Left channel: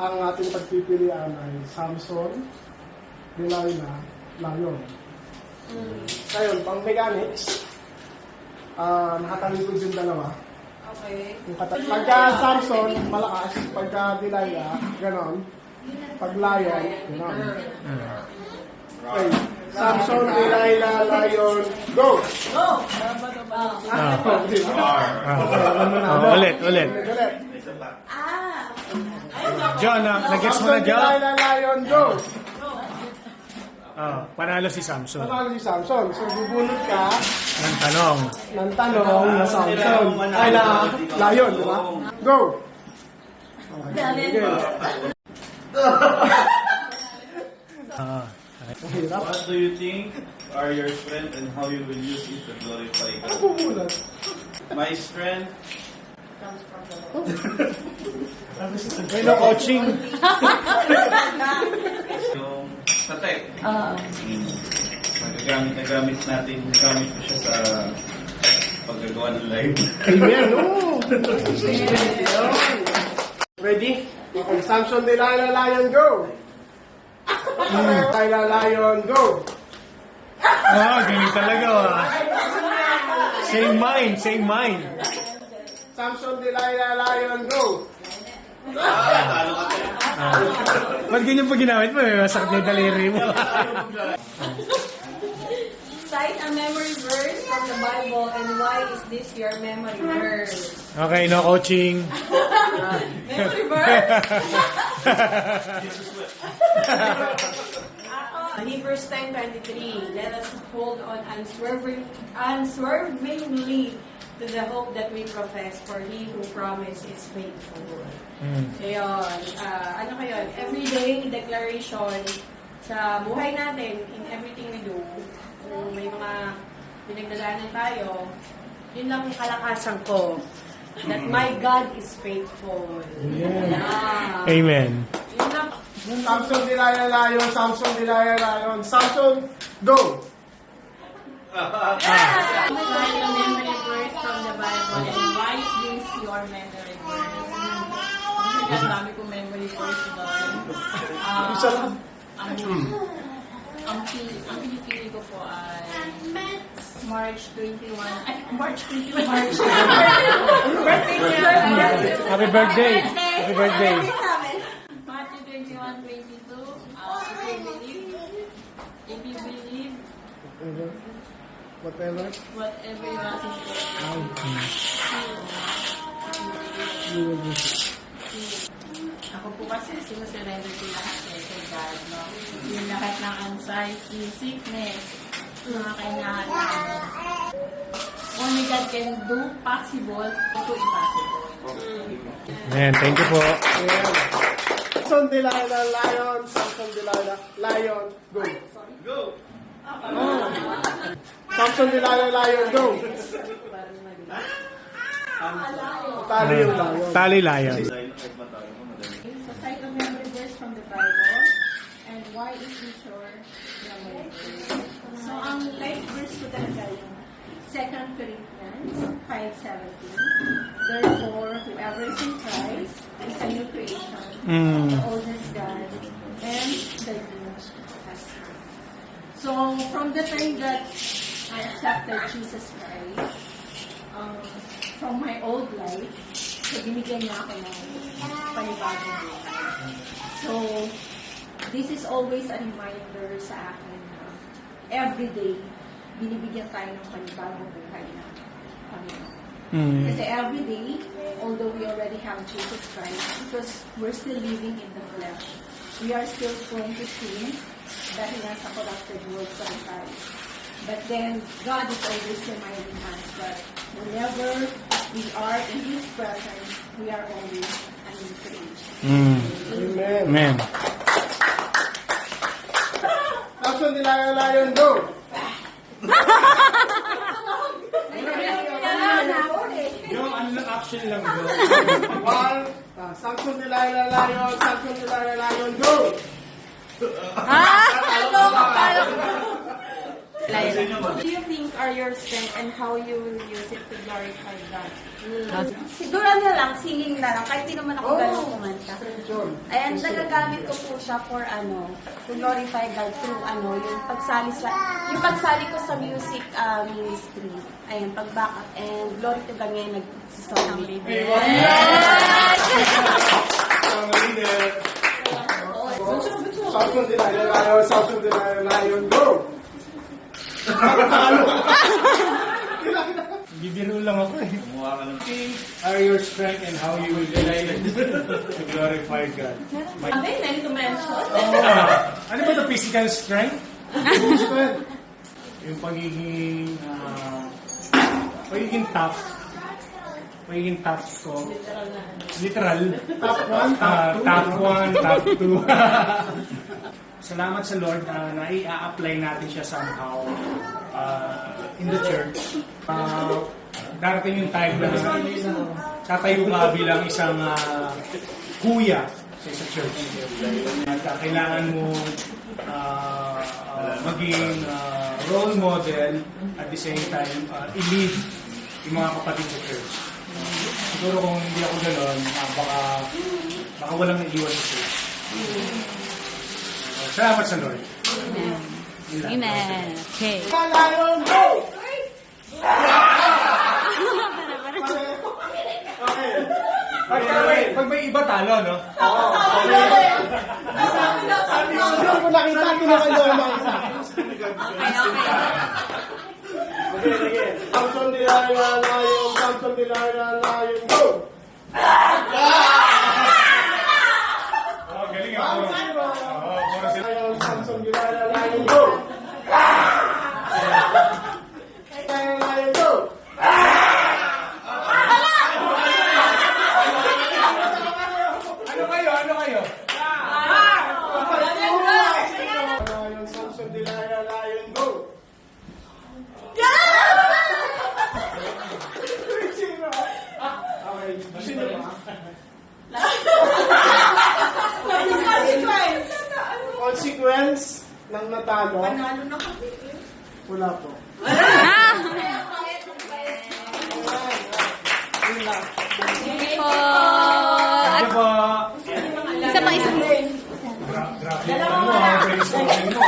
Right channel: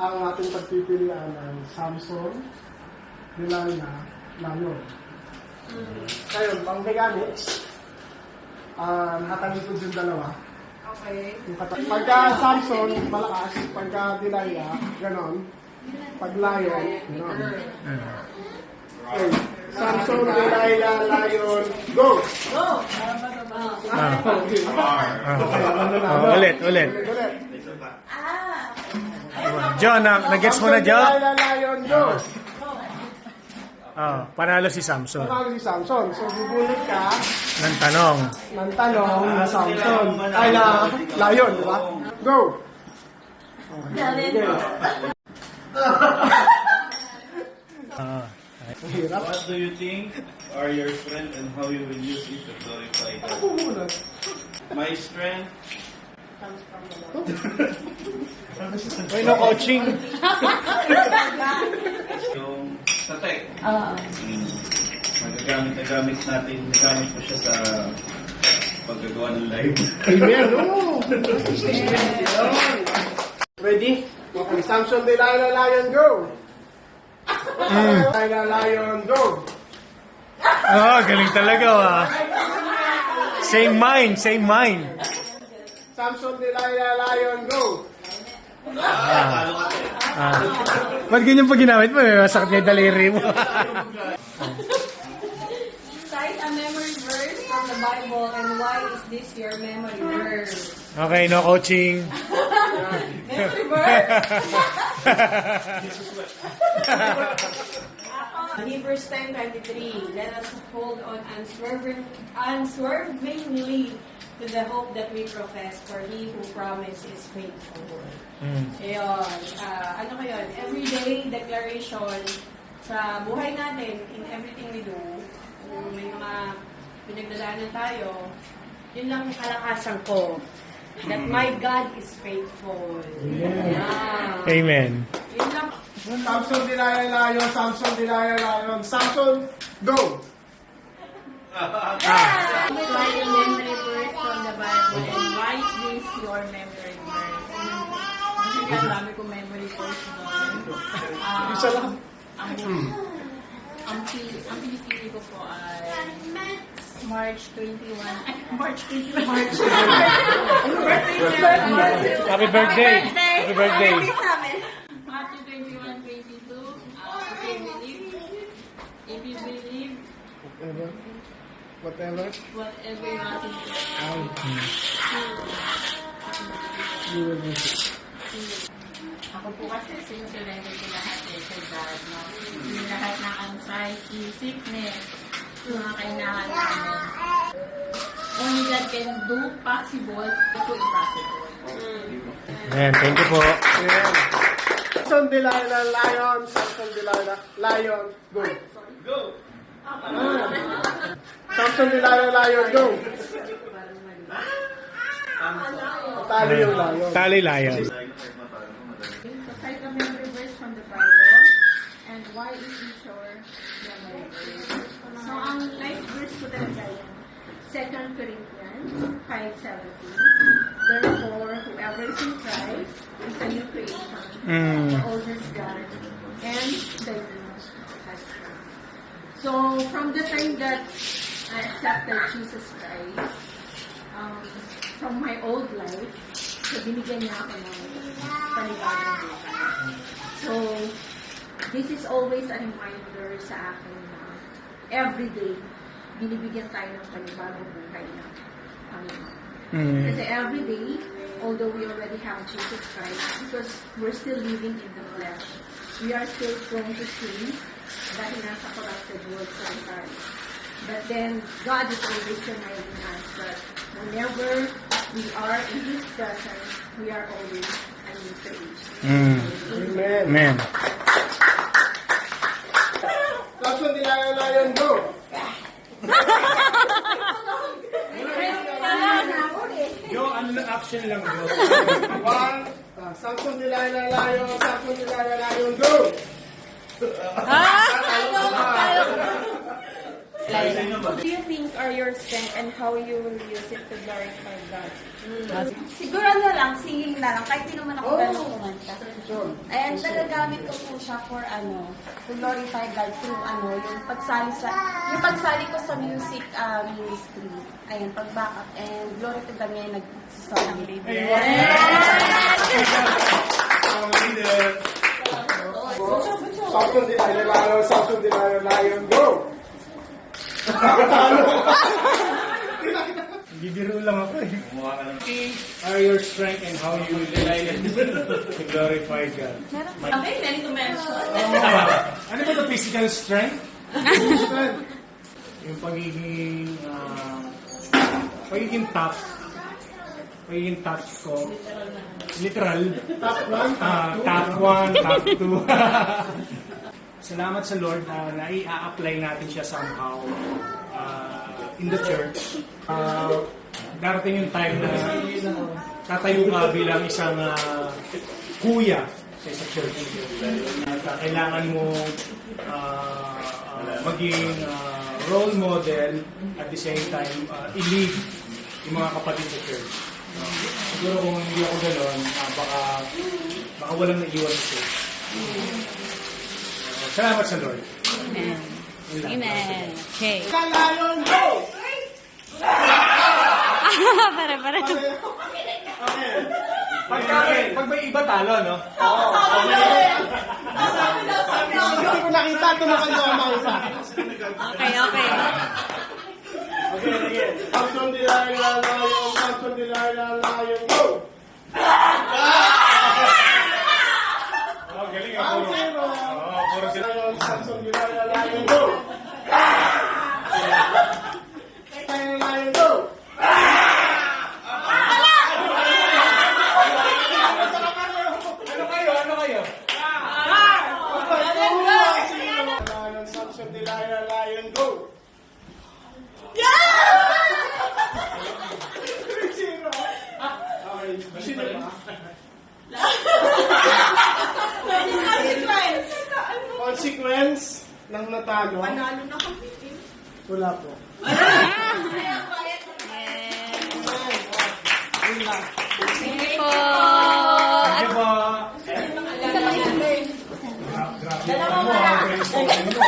Ang ating pagpipilian ay Samson, Delilah, Lion. Ngayon, pang mechanics, nakatalikod yung dalawa. Okay. Pagka Samson, malakas. Pagka Delilah, ganon. Pag Lion, ganon. Okay. Samson, Delilah, Lion, go! Ulit. Ulit. John, nag-gets mo na, Samson, John? Delilah, Lion, go! Panalo si Samson. Panalo si Samson. So, bubunot ka Ng tanong. ng tanong na Samson. Ay, na Lion, di ba? Go! Okay. Ang hirap. What do you think are your strength and how you will use it to glorify Ano God? bubunot? My strength, May no coaching. yung patek. Nagamit ko siya sa paggagawa ng live. Amen. Oh. Ready? Okay. Samson, Delilah, Lion, go! Delilah, Lion, go! Galing talaga, Same mind. Samson, Delilah, Lion, go! Ba't ganyan pa ginamit mo? Masakit na yung daliri mo. Cite a memory verse from the Bible and why is this your memory verse? Okay, no coaching. Memory verse? Hebrews 10:23. Let us hold on unswervingly to the hope that we profess, for He who promised is faithful. Ayun. Ano kayo? Everyday declaration sa buhay natin, in everything we do, kung may mga pinagdadaanan tayo, yun lang yung kalakasan ko. That my God is faithful. Yeah. Amen. Yun lang. Samson, Delilah, Lion, Samson, Delilah, Lion. Samson, go! Cite a memory verse from the Bible and why is this your memory verse? Ang dami kong memory verse noon. Isa lang. Ang pinipili ko po ay March 21. March 21. Happy birthday. Happy birthday. Matthew 21:22. If you believe Whatever. whatever you ask in prayer, You will receive. ako po kasi sinusurrender ko lahat kay God, no? Yung lahat ng anxiety, sickness, mga kailangan namin. Only God can do possible, ito impossible. Ayan, thank you po. Yeah. Samson, Delilah, Lion. Samson, Delilah, Lion, go! Go! Samson, Delilah, Lion, go! Tali yung Lion. Tali Lion. So, cite a memory verse from the Bible, and why is it your memory verse? So, ang life verse ko talaga yung 2 Corinthians 5:17. Therefore, whoever is in Christ is a new creation. All is God, and the new has come. So, from the time that I accepted Jesus Christ, from my old life, so binigyan niya ako ng panibagong buhay. So, this is always a reminder sa akin na every day, binibigyan tayo ng panibagong buhay na Kasi every day, although we already have Jesus Christ, because we're still living in the flesh, we are still prone to sin dahil nasa corrupted world tayo. But then, God is always reminding us that whenever we are in His presence, we are always a new creation. Amen. Amen. Samson, Delilah, Lion, go! Yung action lang yun. One. Samson, Delilah, Lion. Samson, Delilah, Lion, go! What do you think are your strengths and how you will use it to glorify God? Siguro ano lang, singing na lang, kahit di naman ako ganun kumanta. Ayan, nagagamit ko po siya for to glorify God through yung pagsali ko sa music ministry. Ayun, pag-backup and glory to God ngayon nag-song leader. Samson Delilah Lion, go! Bibiro lang ako eh. Gumawa ka ng Are your strength and how you will to glorify God? Okay, many to mention. Ano ba ito? Physical strength? Yung pagiging tough. Pagiging tough ko. Literal. Top 1, Top 1, top 2. Salamat sa Lord na nai-apply natin siya somehow in the church. Darating yung time na tatayo ka bilang isang kuya sa isang church. Kailangan mo maging role model at the same time i-lead yung mga kapatid sa church. Siguro kung hindi ako gano'n, baka walang naiiwan sa church. Salamat sa Lord. Amen. Amen. Okay. Lion, go! Pag may iba talo, no? Hindi ko nakita, kinukuha mo isa. Okay. Samson Delilah Lion, go! Oh, galing ako. Samson Delilah Lion, go! Lion, go! Ano kayo? Lion, Samson Delilah Lion, go! Consequence ng natalo. Wala po. Thank you po. Ano ba? Isa pa. Grabe. Ano, brainstorming mo.